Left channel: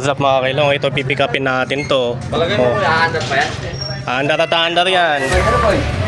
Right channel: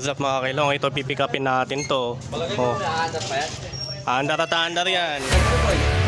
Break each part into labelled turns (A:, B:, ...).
A: what's up mga kailong? Ito pipick upin natin to.
B: Palagay
A: Oh.
B: mo, iaandar pa yan?
A: Andar at andar yan.
B: Ano boy?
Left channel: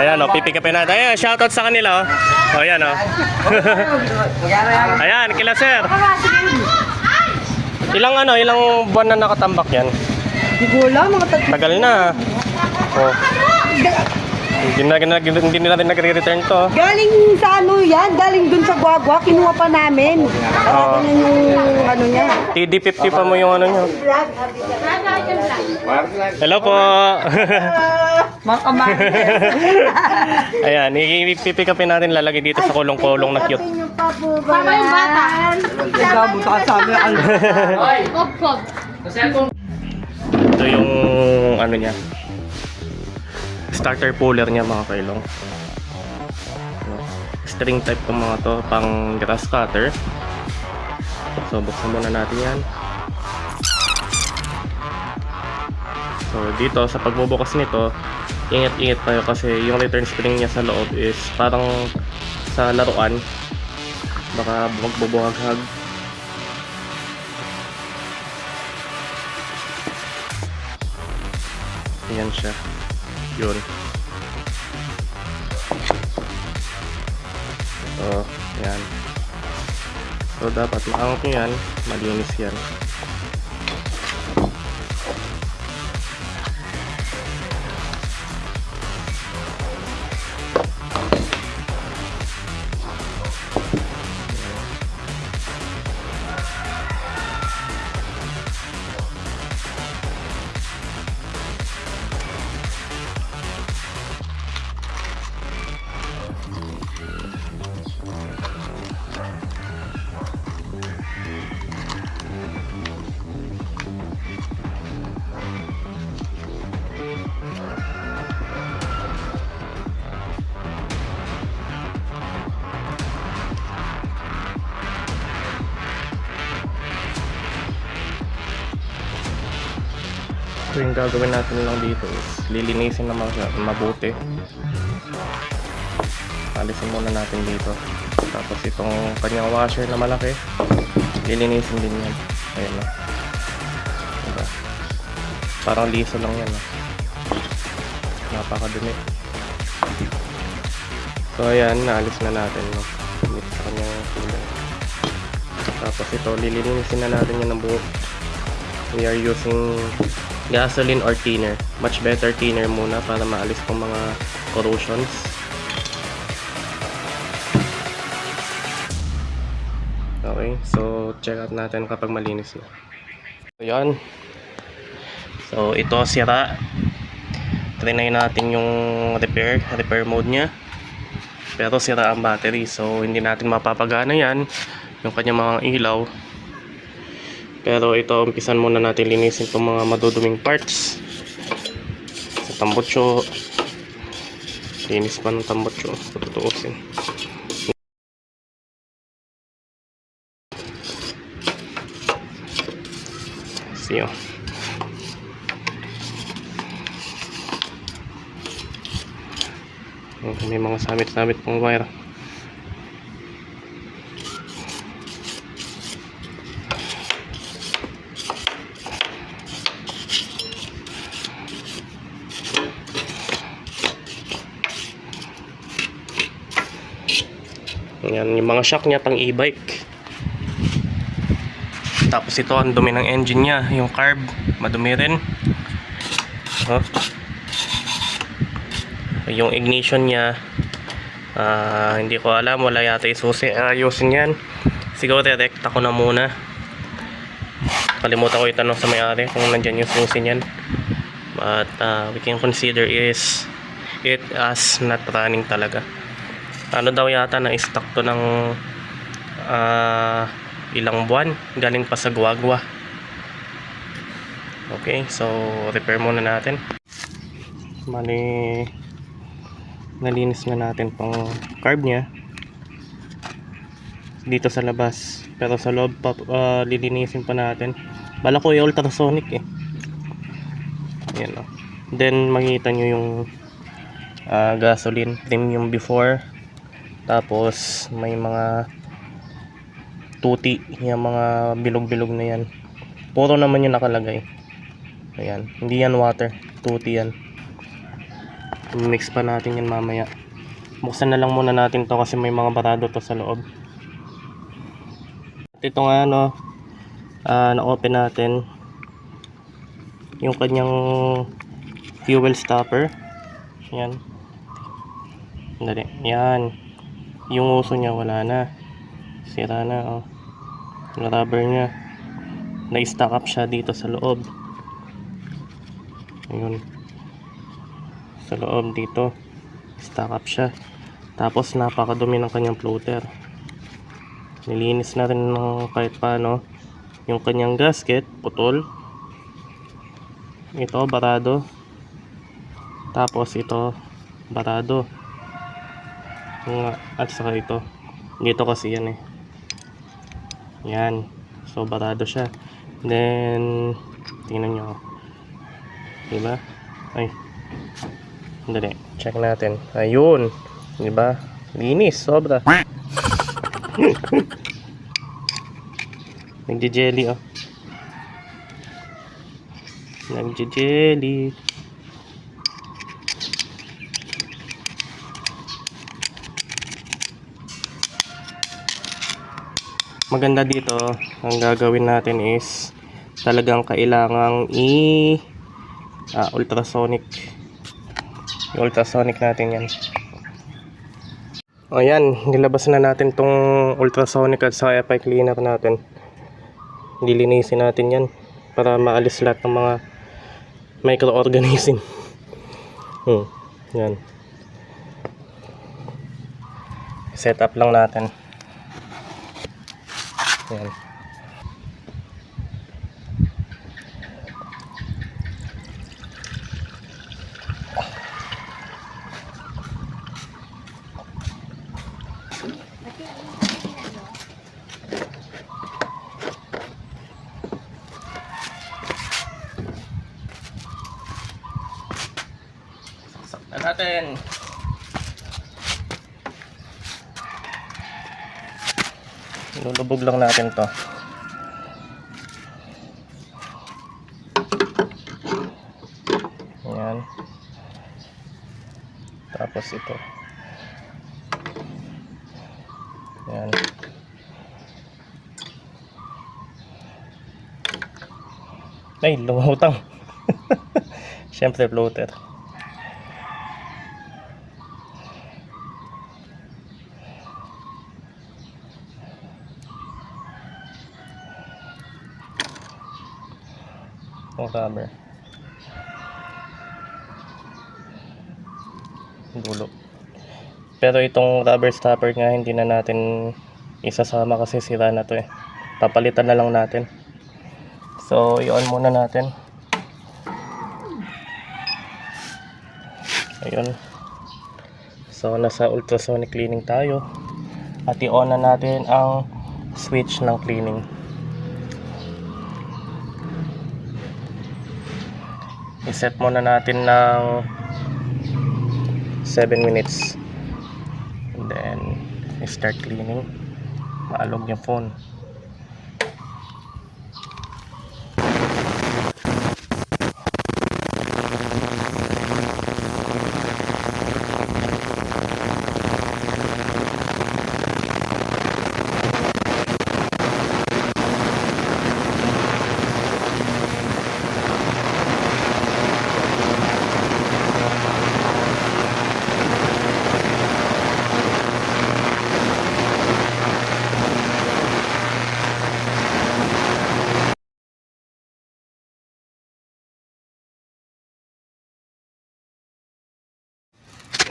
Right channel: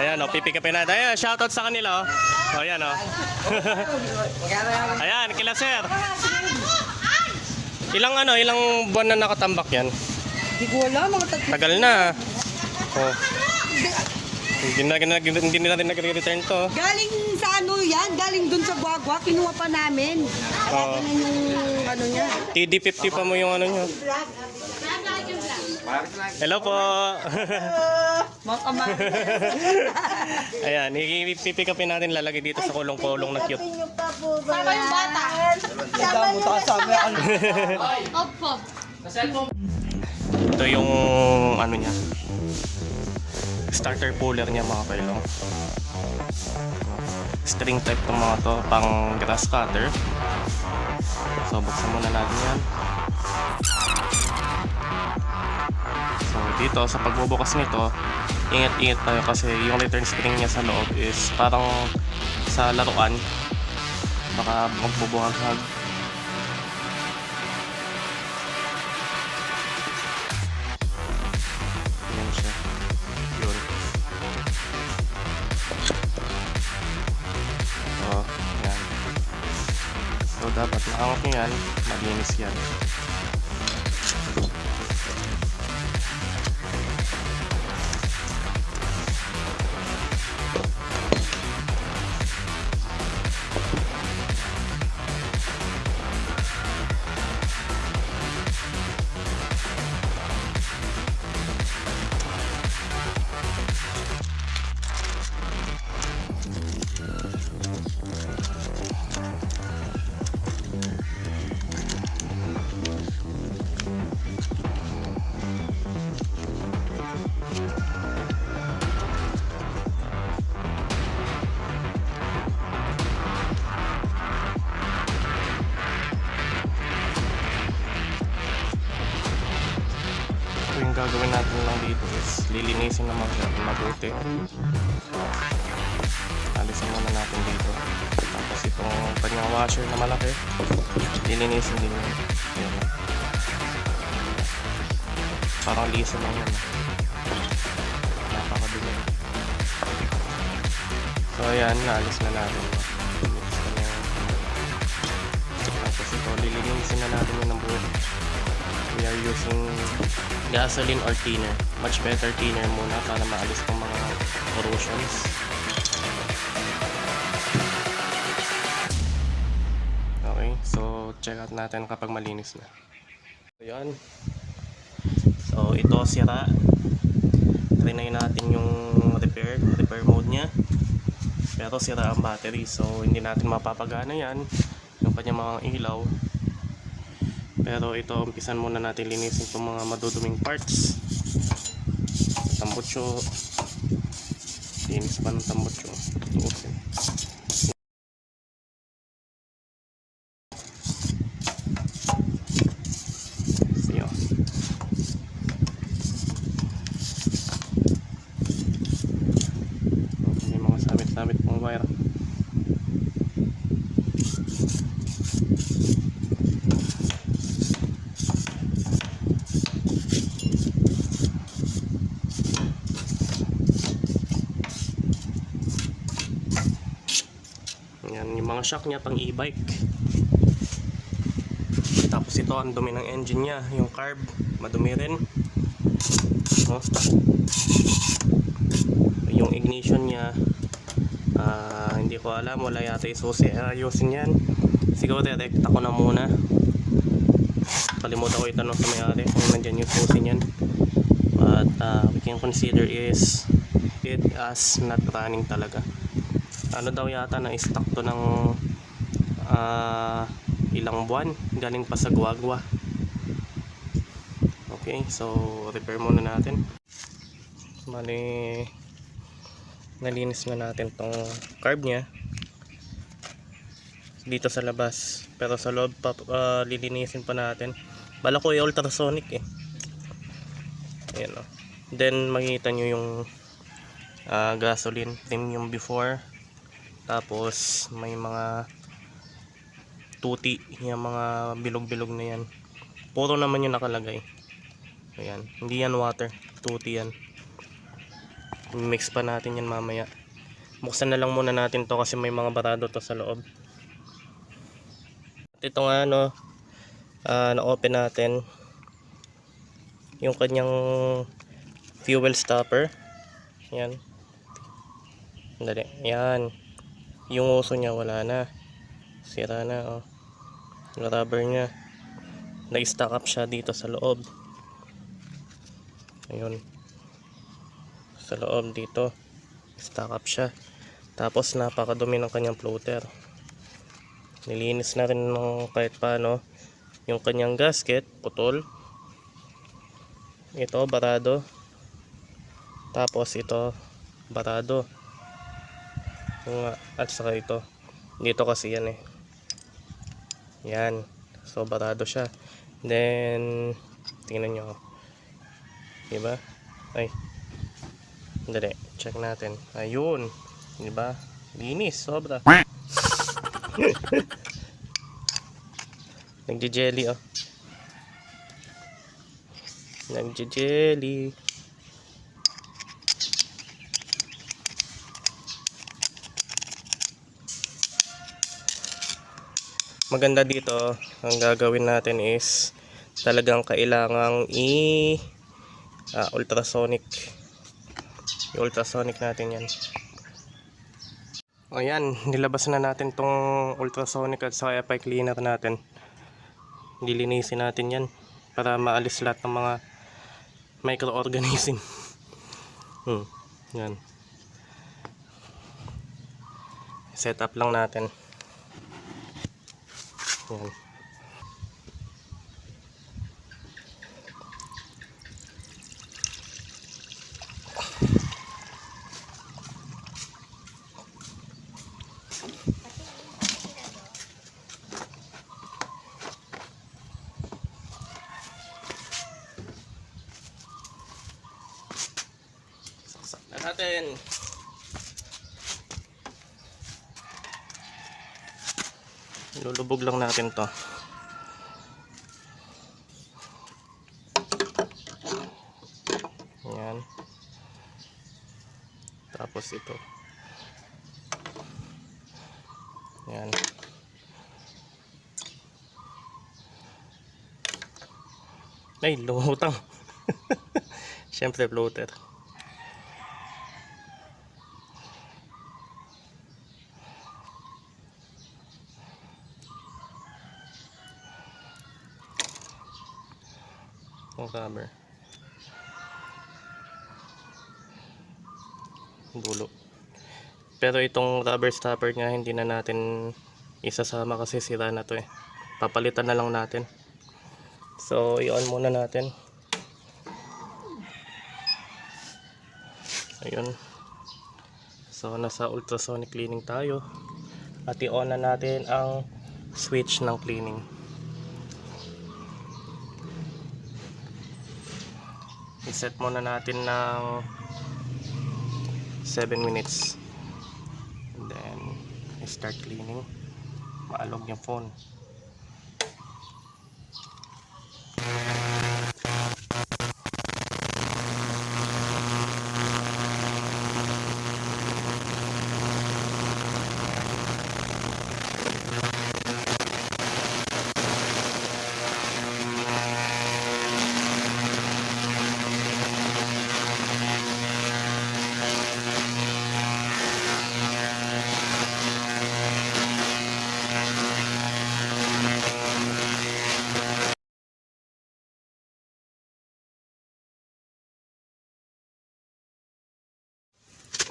A: Ayan o, pipick upin natin. Ayan, shoutout sa kanila oh. O, ayan o. ayan, kila sir. Ilang ano, ilang buwan na nakatambak yan?
C: Hindi ko alam, mga
A: Tagal na. Oh. Hindi na, hindi, na- hindi na rin nagre-return to.
C: Galing sa ano yan, galing dun sa Guagua, kinuha pa namin. Kaya
A: Oo.
C: ganyan yung ano niya.
A: TD50 pa mo yung ano nyo. Hello po.
C: Mga kamay.
A: Ayan, ipipick upin natin lalagay dito sa kulong-kulong na cute.
D: Tama yung bata.
C: Nagdamo ka sa amin.
A: Ito yung ano niya. Starter puller niya mga kailong. String type ng mga to pang grass cutter. So buksan muna natin yan. So dito sa pagbubukas nito, ingat-ingat tayo kasi yung return spring niya sa loob is parang sa laruan. Baka magbubuhag. Yan siya. Yun. So, yan. So, dapat maangat nyo yan. Malinis yan. Gagawin natin lang dito is lilinisin naman siya mabuti. Alisin muna natin dito. Tapos itong kanyang washer na malaki, lilinisin din yun. Ayan o. Parang liso lang yan. Napakadumi. So ayan, naalis na natin. No? Tapos ito, lilinisin na natin yan ng buo. We are using gasoline or thinner. Much better thinner muna para maalis tong mga corrosions. Okay, so check out natin kapag malinis na. So yun. So ito sira. Trinay natin yung repair, repair mode niya. Pero sira ang battery so hindi natin mapapagana yan. Yung kanyang mga ilaw. Pero ito, umpisan muna natin linisin itong mga maduduming parts. Tambutso. Linis pa ng tambutso. Tutuusin. Siyo. May mga sabit-sabit pang wire. Yan, yung mga shock niya pang e-bike. Tapos ito ang dumi ng engine niya, yung carb, madumi rin. Oh. Yung ignition niya, ah, hindi ko alam, wala yata isusi, ayusin yan. Siguro direkta ko na muna. Kalimutan ko itanong sa may-ari kung nandyan yung susi niyan. But ah, we can consider is it as not running talaga ano daw yata na stock to ng ah, ilang buwan galing pa sa guagwa Okay, so repair muna natin. Bali, nalinis na natin tong carb niya dito sa labas. Pero sa loob pa, ah, lilinisin pa natin. Bala ko yung ultrasonic eh. Ayan o. Then makita nyo yung ah, gasoline premium before. Tapos may mga tuti, yung mga bilog-bilog na yan. Puro naman yung nakalagay. Ayan, hindi yan water, tuti yan. Mix pa natin yan mamaya. Buksan na lang muna natin to kasi may mga barado to sa loob. At ito nga no, ah, na-open natin yung kanyang fuel stopper. Yan. Dali. Yan. Yung uso niya wala na. Sira na oh. Yung rubber niya. Na-stack up siya dito sa loob. Ayun. Sa loob dito. Stack up siya. Tapos napakadumi ng kanyang floater. Nilinis na rin ng kahit paano. Yung kanyang gasket, putol. Ito, barado. Tapos ito, barado. Yung, at saka ito. Dito kasi yan eh. Yan. So, barado siya. Then, tingnan nyo. Diba? Ay. Dali. Check natin. Ayun. Diba? Linis. Sobra. Nagje-jelly oh. Nagje-jelly. Maganda dito, ang gagawin natin is talagang kailangang i ah, ultrasonic. Yung ultrasonic natin yan. O yan, nilabas na natin tong ultrasonic at sa FI cleaner natin. Dilinisin natin yan para maalis lahat ng mga microorganism. Hmm, yan. Set up lang natin. Yan. Saksak na natin. Lulubog lang natin to. Ayan. Tapos ito. Ayan. Ay, lumutang. Siyempre, floater. Yung rubber. Gulo. Pero itong rubber stopper nga hindi na natin isasama kasi sira na to eh. Papalitan na lang natin. So, i-on muna natin. Ayun. So, nasa ultrasonic cleaning tayo. At i-on na natin ang switch ng cleaning. I-set muna natin ng 7 minutes. And then, i-start cleaning. Maalog yung phone.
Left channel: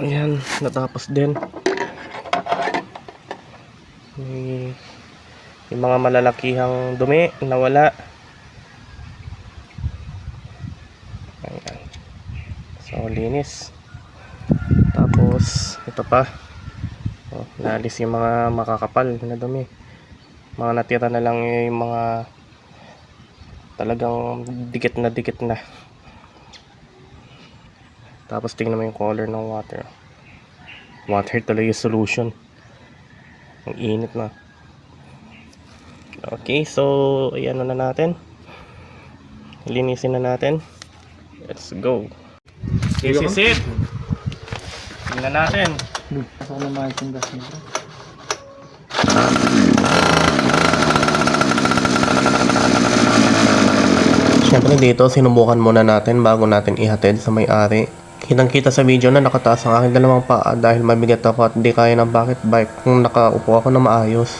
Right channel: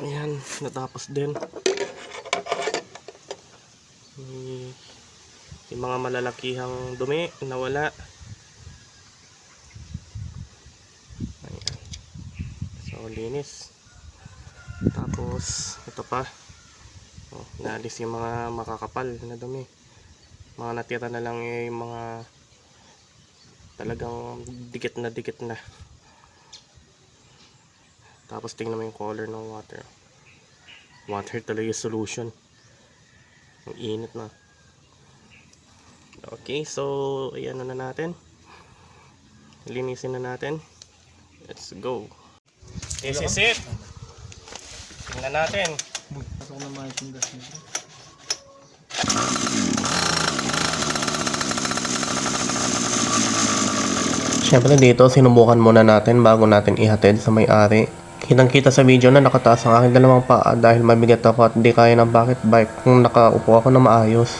A: Ayan, natapos din. May, yung mga malalakihang dumi, nawala. So, linis. Tapos, ito pa. Oh, naalis yung mga makakapal na dumi. Mga natira na lang yung mga talagang dikit na dikit na. Tapos tingnan mo yung color ng water. Water yung solution. Ang init na. Okay, so ayan na natin. Linisin na natin. Let's go. This is it. Tingnan natin.
B: Ako na makikita nito.
A: Siyempre dito, sinubukan muna natin bago natin ihatid sa may-ari. Kitang kita sa video na nakataas ang aking dalawang paa dahil mabigat ako at di kaya ng bakit bike kung nakaupo ako na maayos.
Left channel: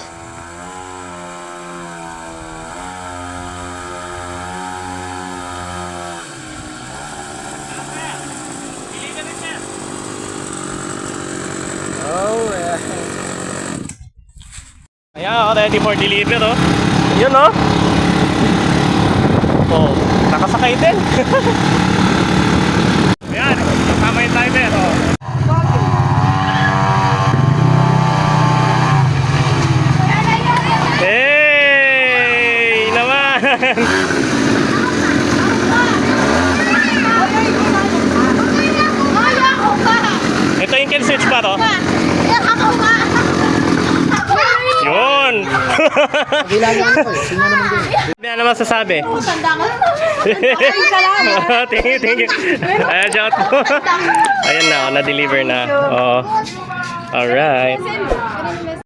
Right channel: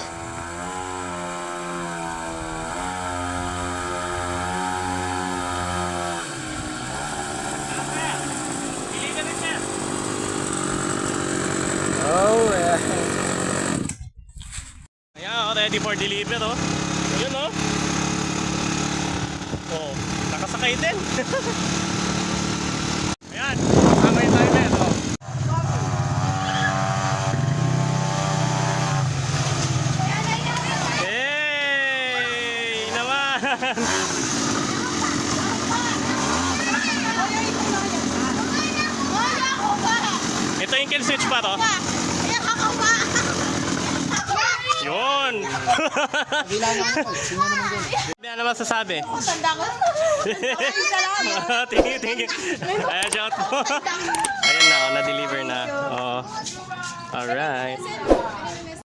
A: Ayan, ready for deliver oh. Yun oh. Oh, nakasakay din. Ayan, kasama yung timer oh. Hey! Naman! Ito yung kill switch pa to. Yun!
B: Bilangin ko eh. Sino naman din?
A: Ano sasabi? thank you, thank you. Ayan, shout po. Ayan na, oh, na-deliver na. Oo. Alright.